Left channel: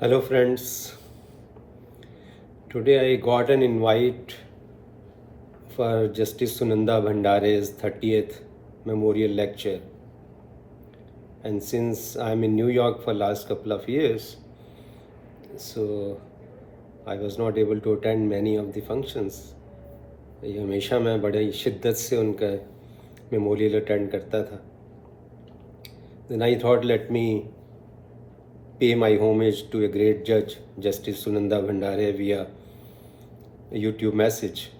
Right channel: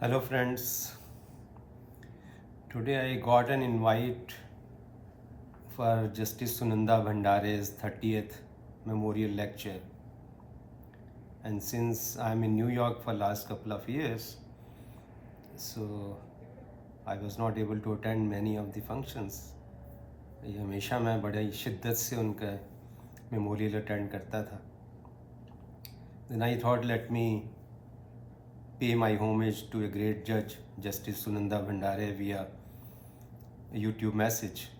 Hello friends, today I got an invite for Justice Sunanda Bhandare's 30th memorial lecture, and since I'm in New York for last couple of years, so I was not able to attend many of the functions. ये हमेशा मैं बड़े शिद्दत से उनका memorial attend करता था. Then I thought let me pay my homage to a great judge, Justice Sunanda Bhandare, via a YouTube message.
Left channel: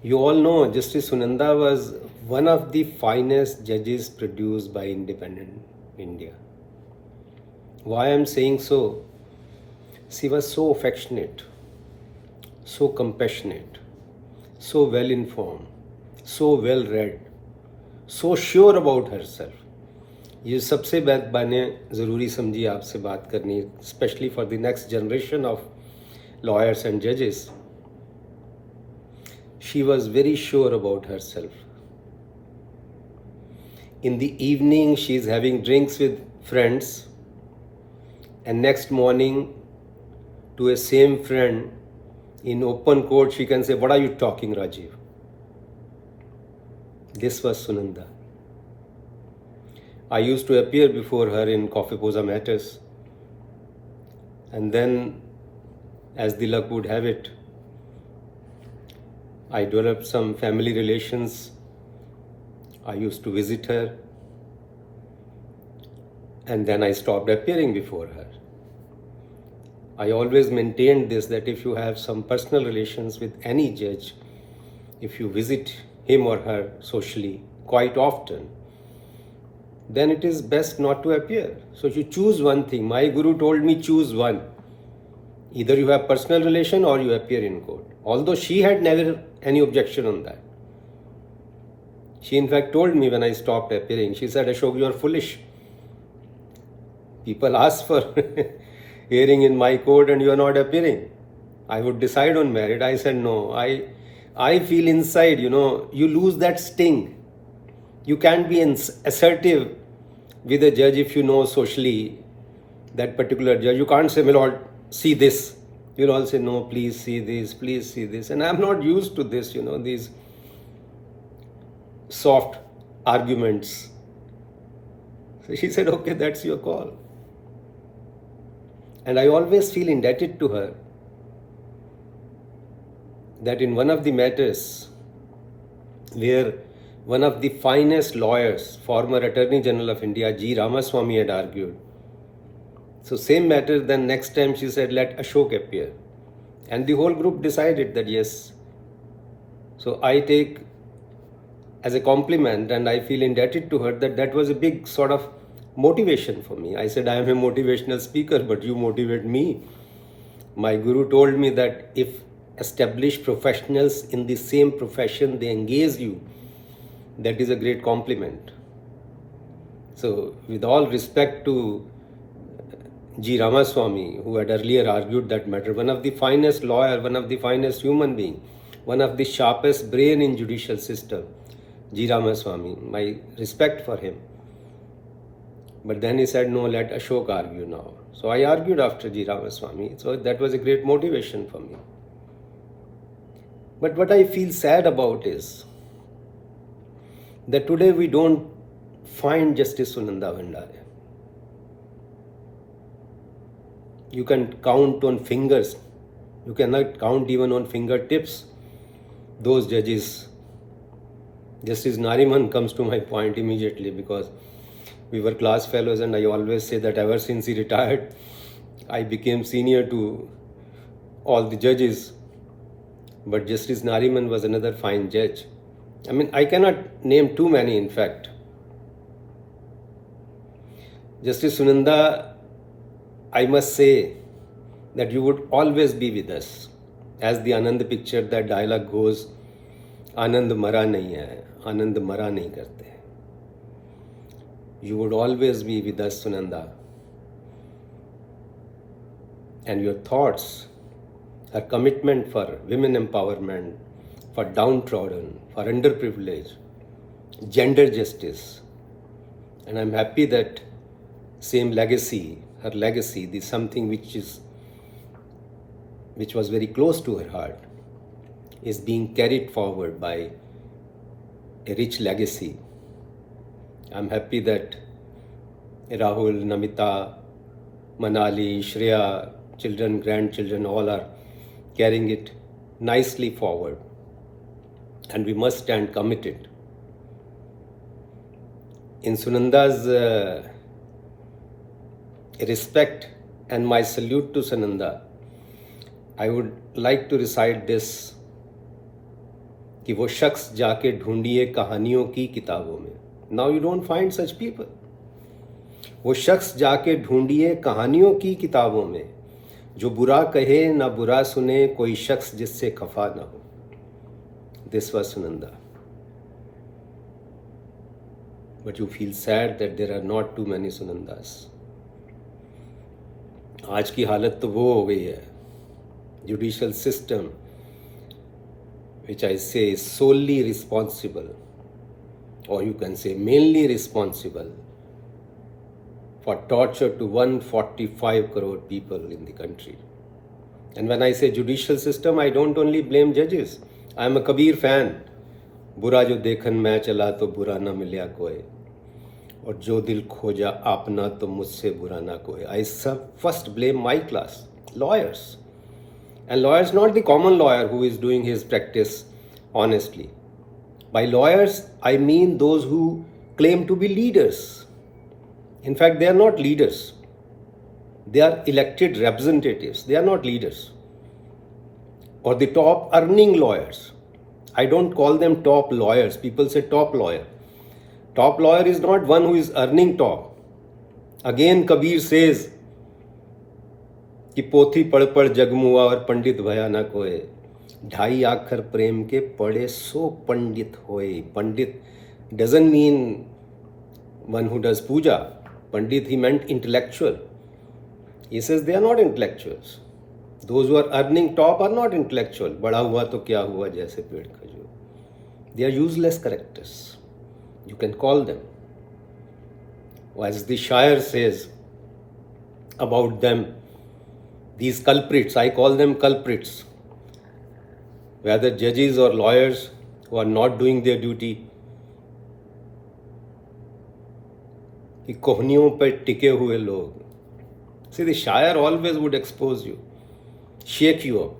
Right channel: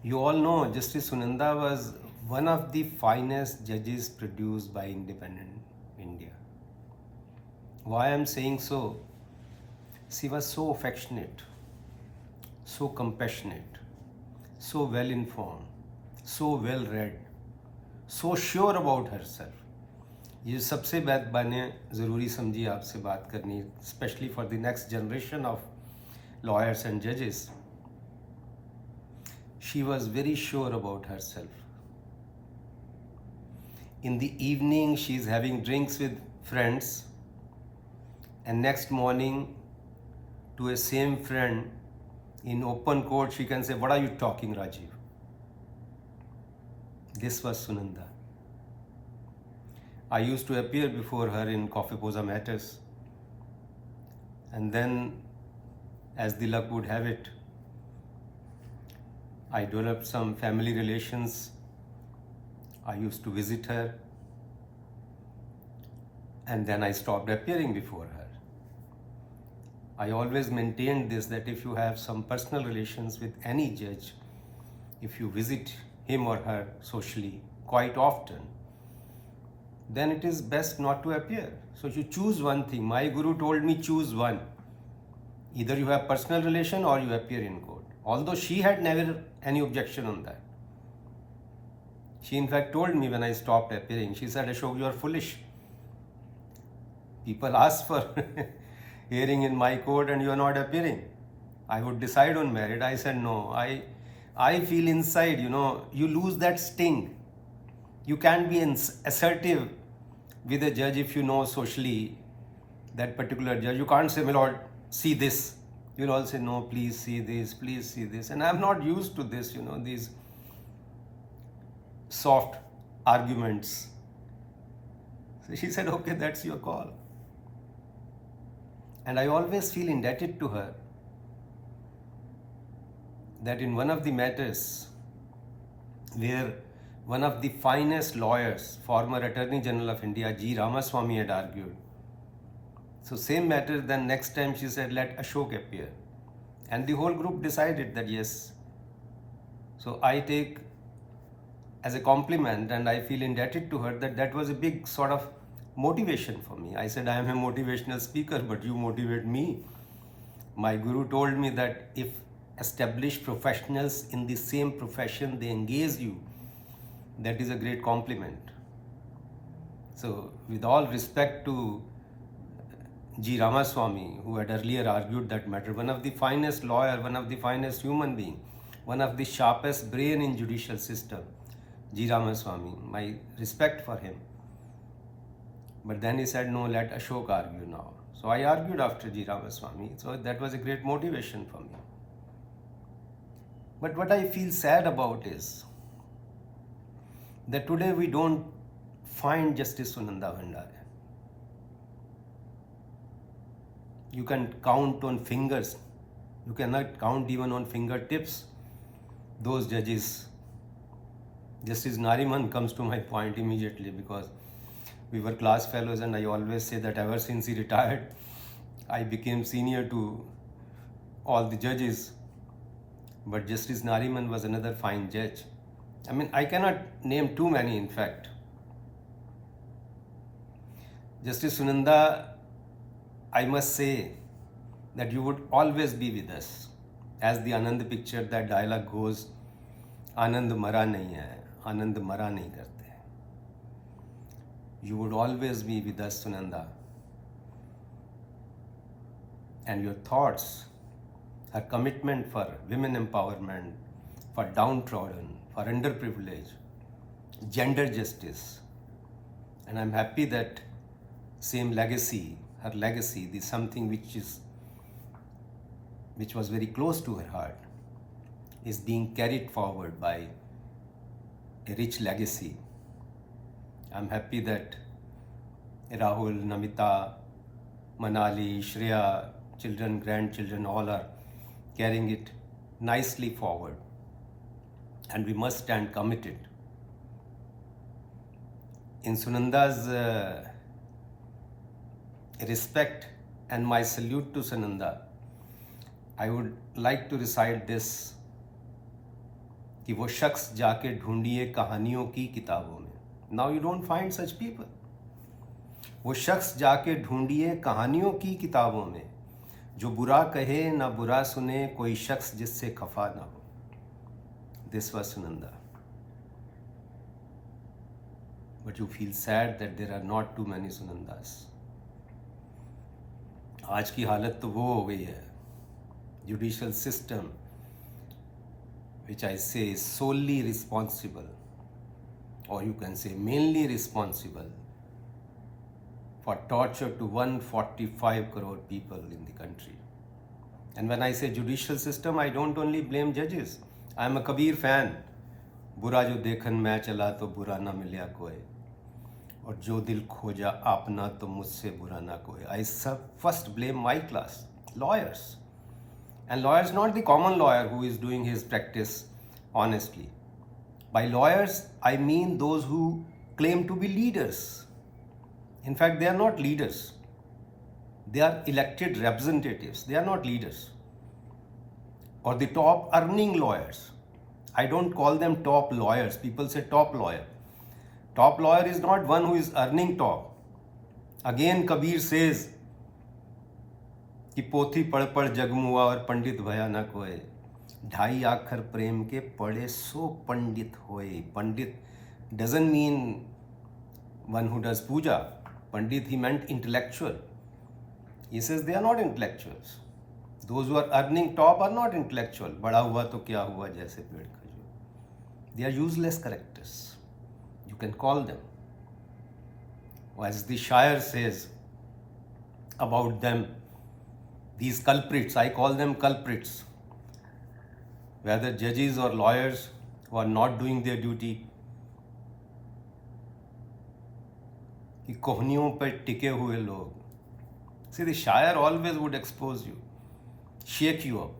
You all know Justice Sunanda was one of the finest judges produced by independent India. Why I'm saying so? She was so affectionate, so compassionate, so well informed, so well read, so sure about herself. ये सबसे बात मैंने ज़रूरी समझी आपसे बात करनी, specially for the next generation of lawyers and judges. She was very sure about herself. In the evening, she is having drinks with friends, and next morning, to a same friend in open court, she can say, "What are you talking, Rajiv?" This was Sunanda. I used to appear before her in Coffee Posa matters, and then, as the luck would have it, I developed some family relations. I used to visit her, and then I stopped appearing before her. I always maintained this, that if you have some personal relations with any judge, if you visit him or her socially quite often, then it is best not to appear. So you choose one thing. My guru told me choose one. Either you have personal relation or you appear in court. Although she had never any objection on that. She in fact told me when I stopped appearing, she said, "Ashok, you are foolish. People ask for hearing in my court and you are not appearing. I would decide on merit." I said, "No, I feel inside, you lose that sting. You can't be assertive with a judge if you know socially that particular judge. You can't say, "My lord, see this." You'll all say, "No, please see this, please see this." And I'm not used to this, these soft arguments. So she said, "Okay, that's your call." And I always feel indebted to her that in one of the matters where one of the finest lawyers, former Attorney General of India, G. Ramaswamy, had argued. So same matter, then next time she said, "Let Ashok appear." And the whole group decided that yes. So I take as a compliment, and I feel indebted to her that was a big sort of motivation for me. I said, "I am a motivational speaker, but you motivate me." My guru told me that if established professionals in the same profession, they engage you, that is a great compliment. So with all respect to G. Ramaswamy, who had earlier argued that matter, one of the finest lawyer, one of the finest human being, one of the sharpest brain in judicial system, G. Ramaswamy, my respect for him. But then he said, "No, let Ashok argue now." So I argued after G. Ramaswamy. So that was a great motivation for me. But what I feel sad about is that today we don't find Justice Sunanda Bhandare. You can count on fingers. You cannot count even on fingertips those judges. Justice Nariman comes to my point immediately because we were class fellows, and I always say that ever since he retired, I became senior to all the judges. But Justice Nariman was another fine judge. I mean, I cannot name too many, in fact. Justice Sunanda, I must say that you would always be with us. As the Anand picture, that dialogue goes, "Anand mara nahi hai, Anand mara nahi karte." You would always be with us, Sunanda. And your thoughts, her commitment for women empowerment, for downtrodden, for underprivileged, gender justice. And I'm happy that same legacy her legacy, the something which was very close to her heart, is being carried forward by a rich legacy. I'm happy that Rahul, Namita, Manali, Shreya, children, grandchildren, all are carrying it nicely forward. And we must stand committed. In Sunanda's respect and my salute to Sunanda, I would like to recite this कि वो शख्स जाके ढूंढिए कहानियों की किताबों में. Now you don't find such people. वो शख्स जाके ढूंढिए कहानियों की किताबों में, जो बुरा कहे ना बुरा सुने, कोई शख्स जिससे खफा ना हो. This was Sunanda. But you feel sad that there are not too many Sunandas. आज की हालत तो वो हो गई है. Judicial system, which I say is solely responsible, or you can say mainly responsible, for torture to 145 crore people in the country. And when I say judicial system, I don't only blame judges. I am a Kabir fan. बुरा जो देखन मैं चला तो बुरा ना मिलया कोई, और जो दिल खोजा आपना तो मुझसे बुरा ना कोई. I first blame my class, lawyers. And lawyers, not the common lawyer who is doing his practice honestly. By lawyers, I mean those who claim to be leaders. In fact, they are not leaders. They are elected representatives. They are not leaders. Or the top earning lawyers. I don't call them top lawyers. People say top lawyer. Top lawyer is not one who is earning top. Again, Kabir says, कि पोथी पढ़ पढ़ जगमुआ और पंडित भया न कोय, ढाई आखर प्रेम के पढ़े सो पंडित होए. Pandit doesn't mean one who does puja. Pandit, he meant intellectual. He says they are not intellectuals. Those who are earning top are not intellectual. बड़ा हुआ तो क्या हुआ जैसे पेड़ खजूर. They are useless characters. You can call them. As the Shire says about them, these culprits, I call them culprits, whether judges or lawyers who are not doing their duty, कि कोहनियों पर टिके हुए लोग. See, the Shire always would expose you, shake you up.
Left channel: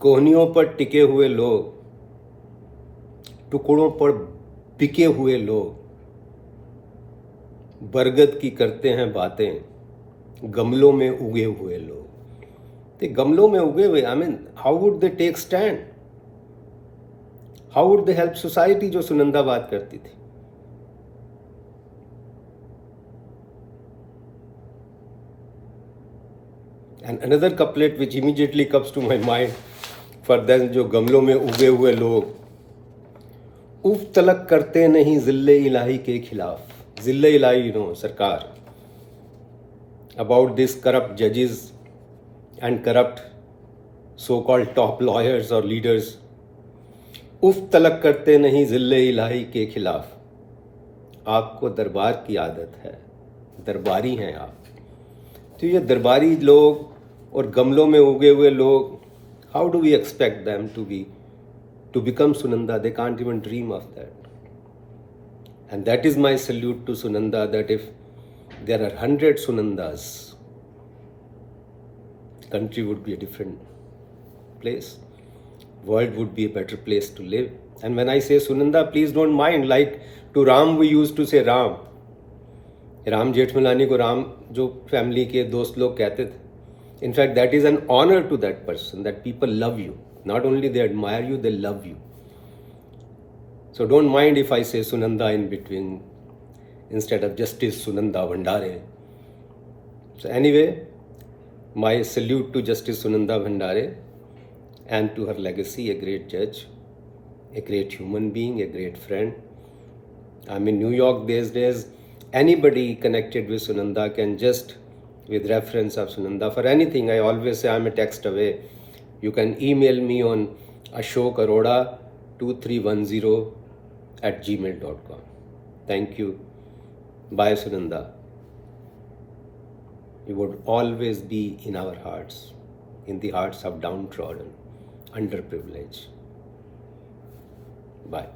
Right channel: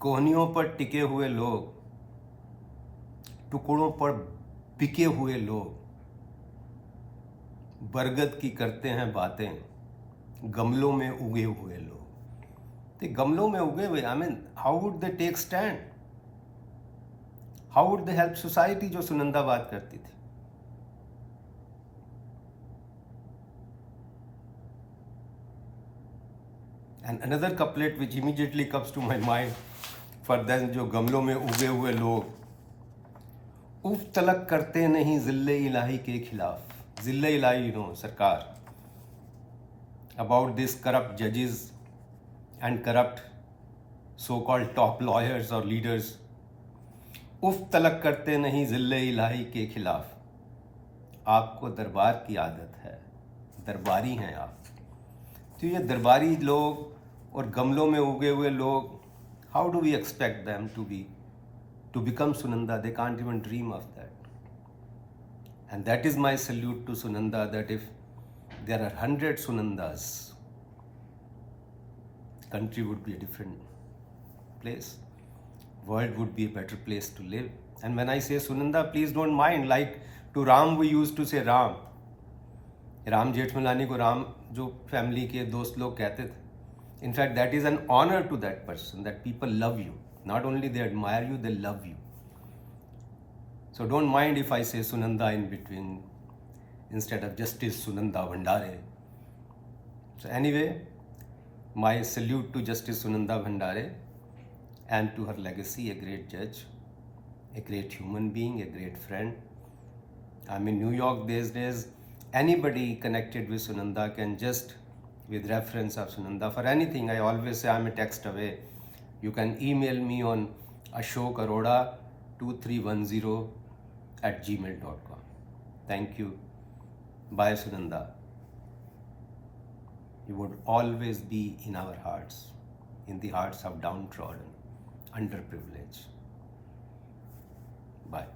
कोहनियों पर टिके हुए लोग, टुकड़ों पर बिके हुए लोग, बरगद की करते हैं बातें, गमलों में उगे हुए लोग. ते गमलों में उगे हुए, I mean, how would they take stand? How would they help society, जो सुनंदा बात करती थी. And another couplet which immediately comes to my mind for them, जो गमलों में उगे हुए लोग, उफ तलक करते नहीं जिल्ले इलाही के खिलाफ. जिल्ले इलाही, you know, सरकार. About these corrupt judges and corrupt so-called top lawyers or leaders. उफ तलक करते नहीं जिल्ले इलाही के खिलाफ. आपको दरबार की आदत है, दरबारी हैं आप. तो ये दरबारी लोग और गमलों में उगे हुए लोग, how do we expect them to become Sunanda? They can't even dream of that. And that is my salute to Sunanda, that if there are 100 Sunandas, the country would be a different place. World would be a better place to live. And when I say Sunanda, please don't mind. Like to Ram, we used to say Ram. Ram Jethmalani को Ram जो family के दोस्त लोग कहते थे. In fact, that is an honor to that person, that people love you. Not only they admire you, they love you. So don't mind if I say Sunanda in between, instead of Justice Sunanda Bhandare. So anyway, my salute to Justice Sunanda Bhandare and to her legacy, a great judge, a great human being, a great friend. I'm in New York these days. Anybody connected with Sunanda can just, with reference of Sunanda, for anything, I always say I'm a text away. You can email me on Ashok Arora-2310 @gmail.com. Thank you. Bye, Sunanda. He would always be in our hearts, in the hearts of downtrodden, underprivileged. Bye.